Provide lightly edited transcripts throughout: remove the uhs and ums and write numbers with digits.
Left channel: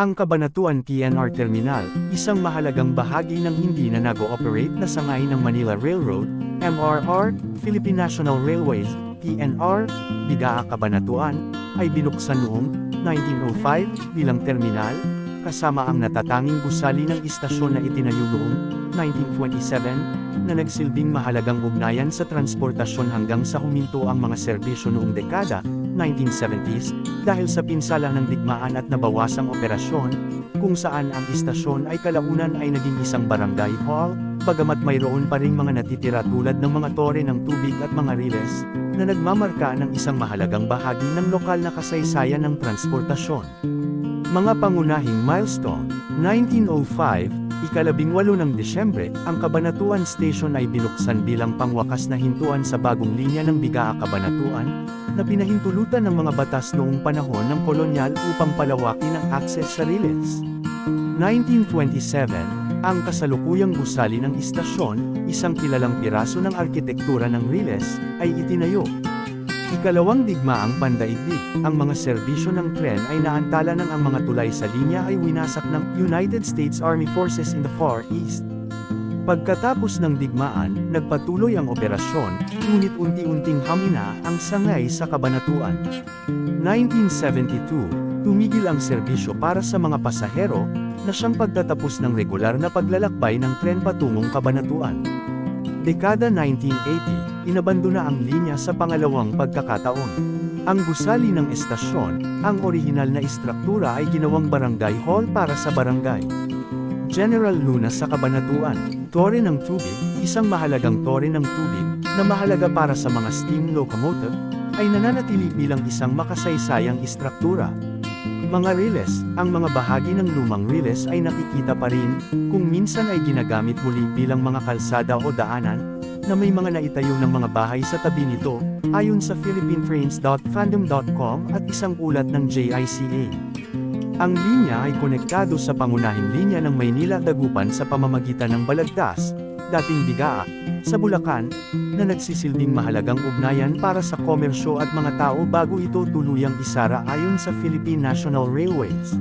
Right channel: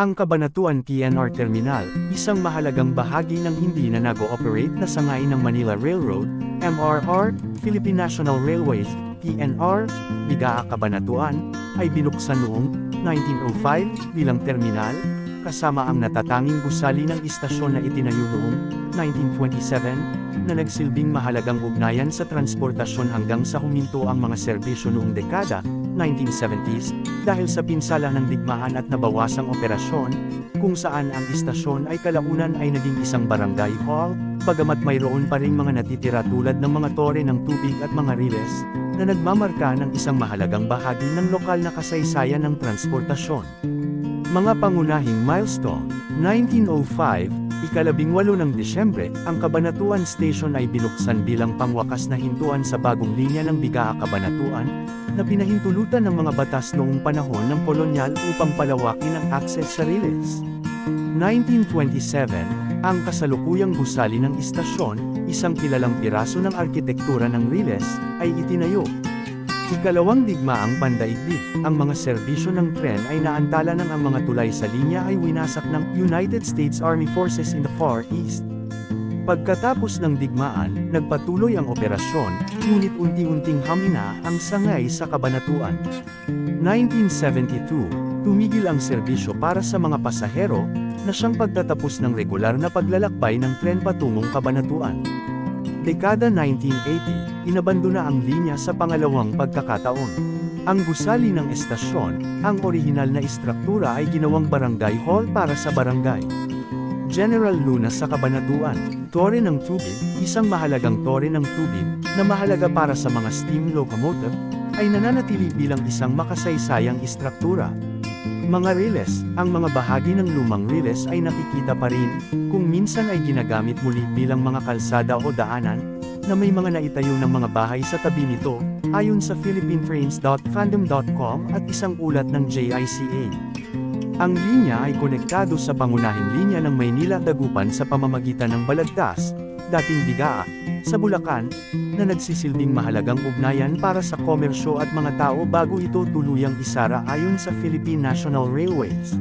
Ang Cabanatuan PNR Terminal, isang mahalagang bahagi ng hindi na nag-ooperate na sangay ng Manila Railroad, MRR, Philippine National Railways, PNR, Bigaa Cabanatuan, ay binuksan noong 1905 bilang terminal, kasama ang natatanging gusali ng istasyon na itinayo noong 1927, na nagsilbing mahalagang ugnayan sa transportasyon hanggang sa huminto ang mga serbisyo noong dekada 1970s, dahil sa pinsala ng digmaan at nabawasang operasyon, kung saan ang istasyon ay kalaunan ay naging isang barangay hall, bagamat mayroon pa ring mga natitira tulad ng mga tore ng tubig at mga riles, na nagmamarka ng isang mahalagang bahagi ng lokal na kasaysayan ng transportasyon. Mga pangunahing milestone, 1905, ika-18 ng Disyembre, ang Cabanatuan Station ay binuksan bilang pangwakas na hintuan sa bagong linya ng Bigaa Cabanatuan, na pinahintulutan ng mga batas noong panahon ng kolonyal upang palawakin ang akses sa riles. 1927, ang kasalukuyang gusali ng istasyon, isang kilalang piraso ng arkitektura ng riles, ay itinayo. Ikalawang digmaang pandaigdig, ang mga serbisyo ng tren ay naantala nang ang mga tulay sa linya ay winasak ng United States Army Forces in the Far East. Pagkatapos ng digmaan, nagpatuloy ang operasyon, ngunit unti-unting hamina ang sangay sa Cabanatuan. 1972, tumigil ang serbisyo para sa mga pasahero, na siyang pagtatapos ng regular na paglalakbay ng tren patungong Cabanatuan. Dekada 1980, inabandona ang linya sa pangalawang pagkakataon. Ang gusali ng estasyon, ang orihinal na istruktura ay ginawang barangay hall para sa barangay General Luna sa Cabanatuan. Tore ng tubig, isang mahalagang tore ng tubig, na mahalaga para sa mga steam locomotive, ay nananatili bilang isang makasaysayang istruktura. Mga riles, ang mga bahagi ng lumang riles ay nakikita pa rin, kung minsan ay ginagamit muli bilang mga kalsada o daanan, na may mga naitayo ng mga bahay sa tabi nito, ayon sa philippinetrains.fandom.com at isang ulat ng JICA. Ang linya ay konektado sa pangunahing linya ng Maynila-Dagupan sa pamamagitan ng Balagtas, dating Bigaa, sa Bulacan, na nagsisilbing mahalagang ugnayan para sa komersyo at mga tao bago ito tuluyang isara ayon sa Philippine National Railways.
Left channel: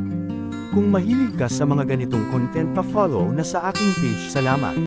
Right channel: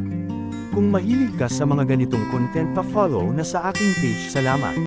Kung mahilig ka sa mga ganitong content, pa-follow na sa aking page. Salamat!